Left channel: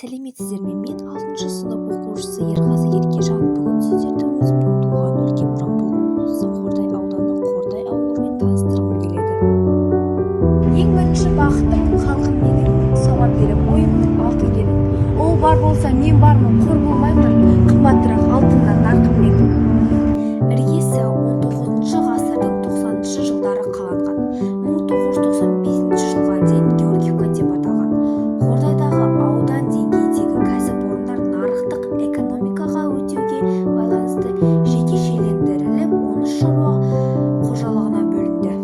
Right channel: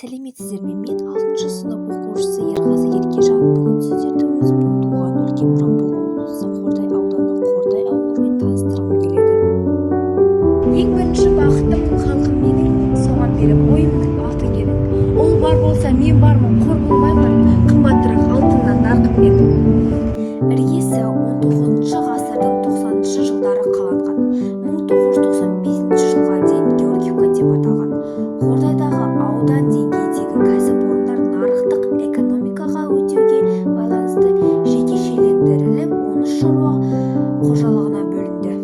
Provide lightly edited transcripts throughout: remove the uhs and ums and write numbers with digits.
Сәлеметсіздер ме? Мен 6 сынып оқушысы Ерғазы Еркежан. Бүгін сіздерді өзімнің туған өлкем Жамбыл облысы Қордай ауданы Қордай ауылымен таныстырғым келеді. Ең бірінші бақыттым халқым менің, соған беріп ойымның алтын керек. Ол бар болса мен бармын, қор болмаймын, қымбатырақ алтыннан нарқым беріп. Іргесі 19 ғасырдың 90 жылдары қаланған. 1995 жылға дейін Георгиевка деп аталған. Қордайдағы аудан деңгейдегі кәсіпорындар нарықтық экономикаға өтуге байланысты жекешелендіріліп, 13 шаруа қожалығына бөлінді.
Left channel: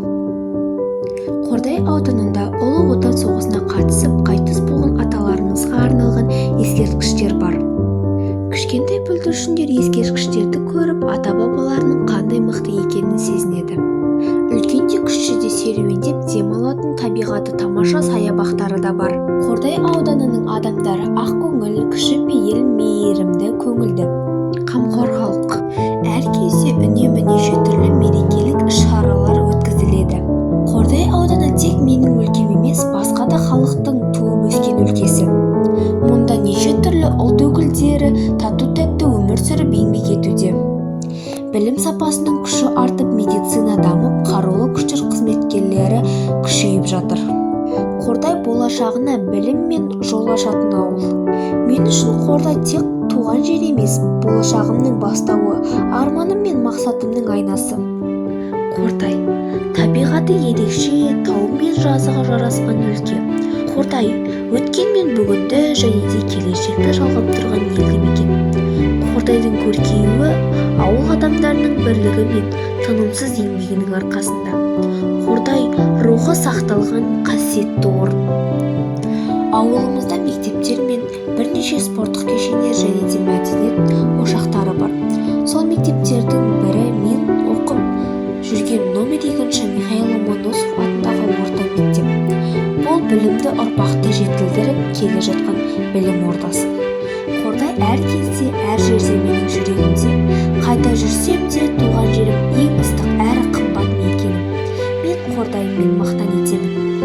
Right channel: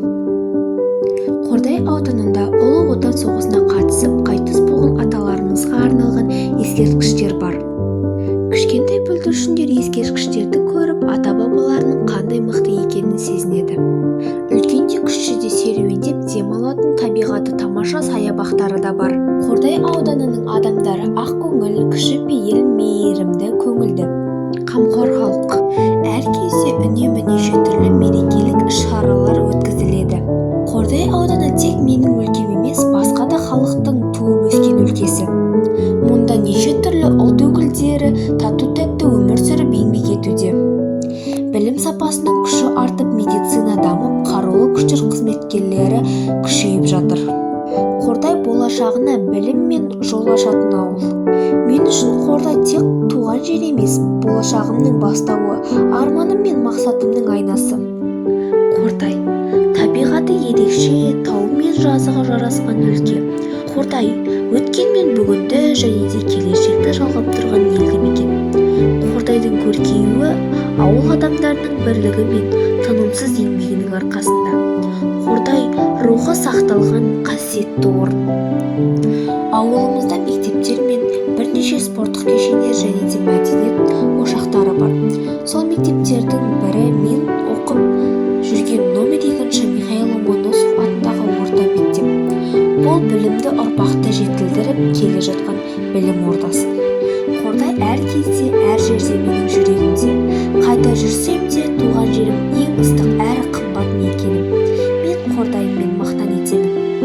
Қордай ауданында Ұлы Отан соғысына қатысып, қайтыс болған аталарымызға арналған ескерткіштер бар. Кішкентай бүлдіршіндер ескерткіштерді көріп, ата-бабаларының қандай мықты екенін сезінеді. Үлкенде кішіде серуендеп демалатын табиғаты тамаша саябақтары да бар. Қордай ауданының адамдары ақкөңіл, кішіпейіл, мейірімді, көңілді, қамқор халық. Әр кезде үнемі неше түрлі мерекелік іс-шаралар өткізіледі. Қордай ауданы тек менің өлкем емес, басқа да халықтың туып өскен өлкесі. Мұнда неше түрлі ұлт өкілдері тату-тәтті өмір сүріп еңбек етуде. Білім сапасының күші артып, медицина дамып, қарулы күштер қызметкерлері күшейіп жатыр. Қордай болашағына білім мен жол ашатын ауыл. Мен үшін Қордай тек туған жер емес, болашағымның бастауы, арманым мен мақсатымның айнасы. Қордай табиғаты ерекше, тау мен жазығы жарасқан өлке. Қордай өткен мен бүгінді және де келешекті жалғап тұрған елді мекен. Қордайдың көркеюі ауыл адамдарының бірлігі мен тынымсыз еңбегінің арқасында. Қордай рухы сақталған қасиетті орын. Ауылымызда мектептер мен бірнеше спорттық кешендер және де мәдениет ошақтары бар. Сол мектептердің бірі мен оқып жүрген номер 2 Михаил Ломоносов атындағы орта мектеп. Бұл білімді ұрпақты жетілдіріп келе жатқан білім ордасы. Қордай әр кезде, әр жерде менің жүрегімде. Қайда жүрсем де туған жерім ең ыстық әрі қымбат мекенім. Мен Қордайыммен мақтан етемін.